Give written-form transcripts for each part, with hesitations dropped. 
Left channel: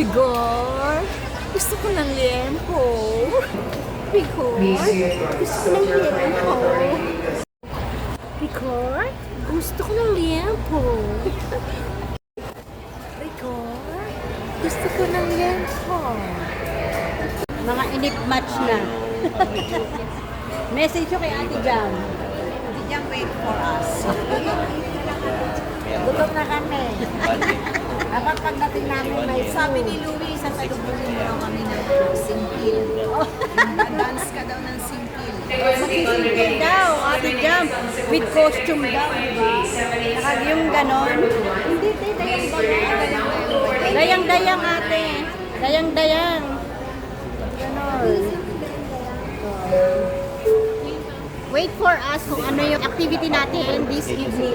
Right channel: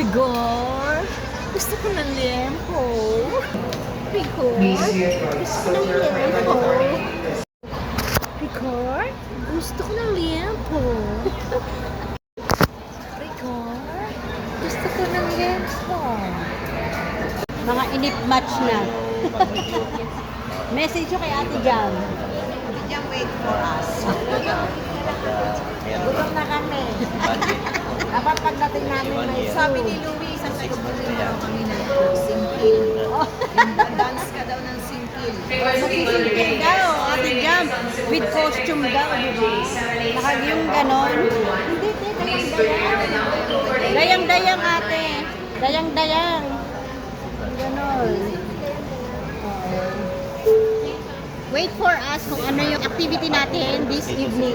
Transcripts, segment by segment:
Rigor, gusto ko ng liempo. Rigor, gusto ko ng liempo. Rigor, gusto ko ng liempo. Rigor, gusto ko ng liempo. Mga inip match na. Message ko kay Ate Jam. Ate Jam, wait for us. Gutom na kami. Dapat pagdating namin may Sabi food. ni Louie, sasagutin mo lang kami ng simple. Dance ka daw ng simple. Magsisingkil daw, Ate Jam. With costume daw, di ba? Naka yung ganon. Hindi, dayang-dayang. Dayang-dayang, ate. Dayang-dayang. Ganon. Wait for us kung ano yung activity natin this evening.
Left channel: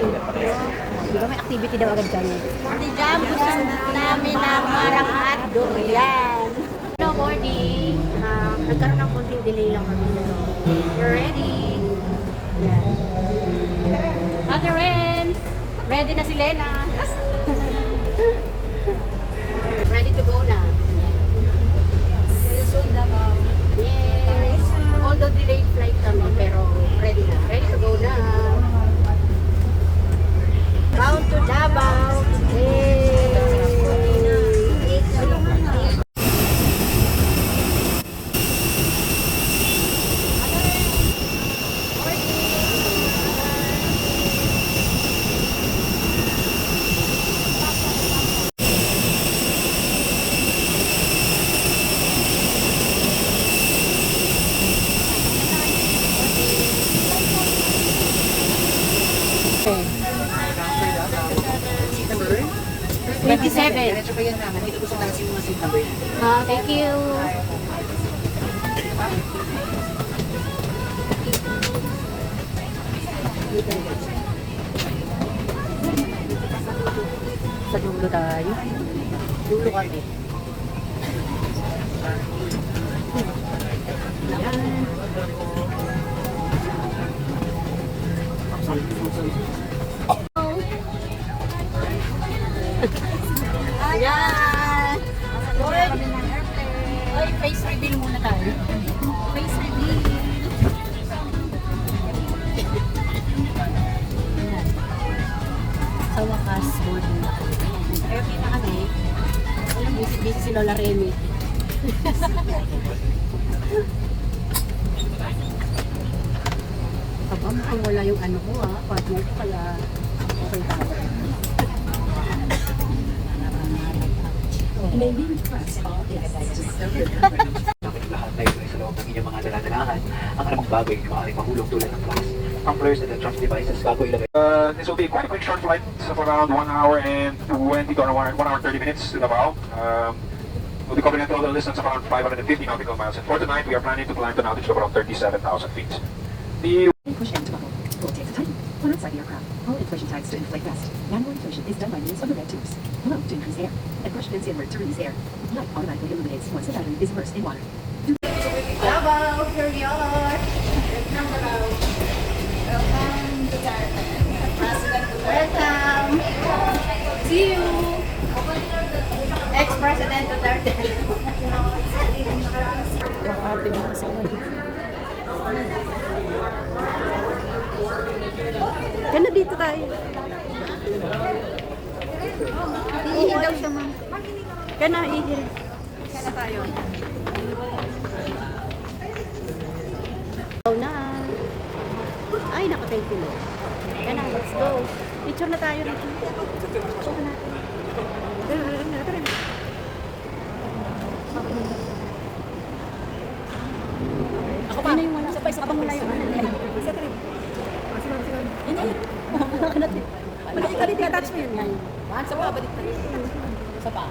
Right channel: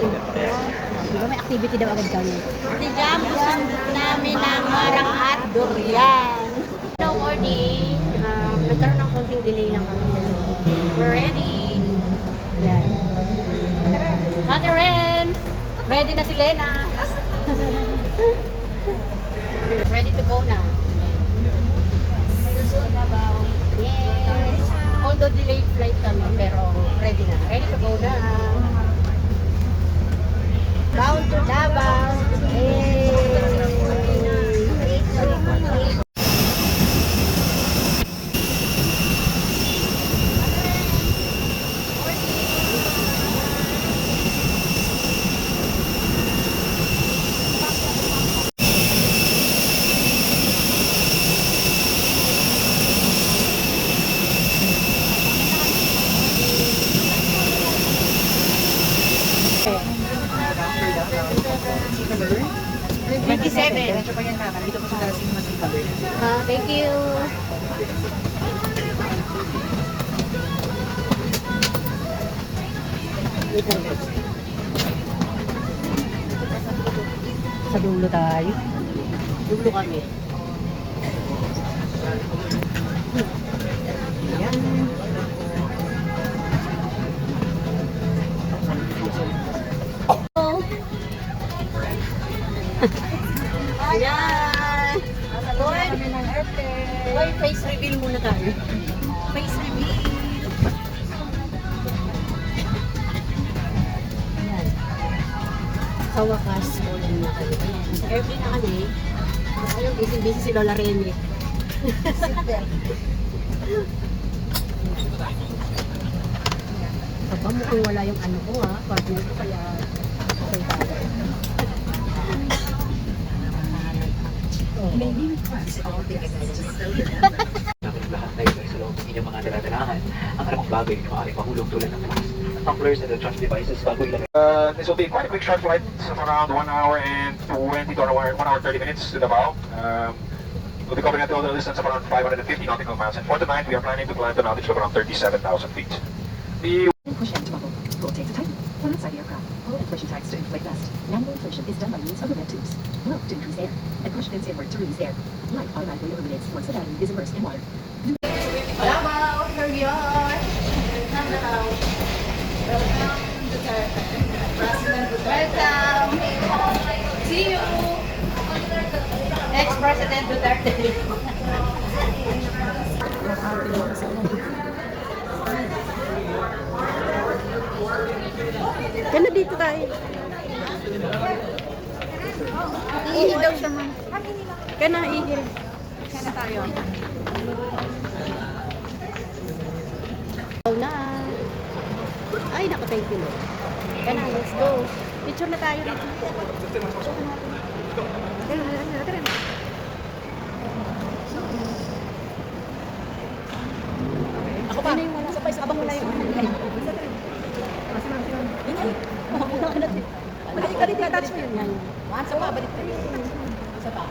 Di ba may activity daw agad kami? Ate Jam, gusto namin ng marang at durian. Hello, morning. Nagkaroon ng konting delay lang kami. We're ready. Yan. Ate Ren, ready na si Lena. Ready to go na. Yes. Although delayed flight kami, pero ready na. Ready to go na. Bound to Davao. Hey. Thank you. Sa dulo tayo. Dulo kami. Ayan. Ayan. Lord, face reveal muna tayo. Face reveal. Ayan. Sa wakas, boarding na kami. Ayan. Sa airplane na kami. Ayun, busy-busy si Lola Remy. Aba, mukhang wala yung ano ko partner ko, kaya okay tayo. Maybe. Lahat na ito sa loob ng inyong mga daladalanan ang anumang bagay na maaaring mahulog tulad ng device, tumblers, and electronic devices bago ilagay. This will be quite a quick short flight of around 1 hour and 20 to 1 hour 30 minutes to Davao. We'll be covering a total distance of around 550 nautical miles, and for tonight we are planning to climb to an altitude of around 37,000 feet. The Push end buckle. Rotate tight. Pull inside the aircraft. Pull inflation tags to inflate vest. Manual inflation is done by means of the red tubes. Blow to increase air. And push pins inward to release air. Blood automatically eliminates once the battery is immersed in water. Davao, here we are. Welcome Davao. Welcome to President Duterte. Welcome. See you. Ex-President Duterte. Kaya dito tayo. Iihi daw siya, ma'am. Kaya na, iihi. Kaya na tayo. Go na. Ay, naku, thank you, Lord. Kaya na, let's go. Picture na tayo. Picture na natin. Tara. Ako pa. Abang wala yung ano. Balik ka dito, touch mo yun. Sa pa, balik ka dito. Sa pa.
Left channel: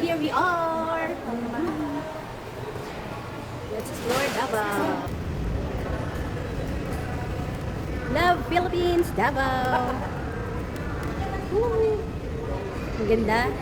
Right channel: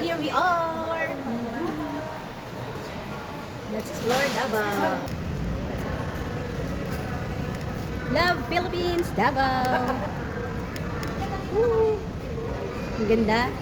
Here we are. Let's explore Davao. Love Philippines, Davao. Ang ganda.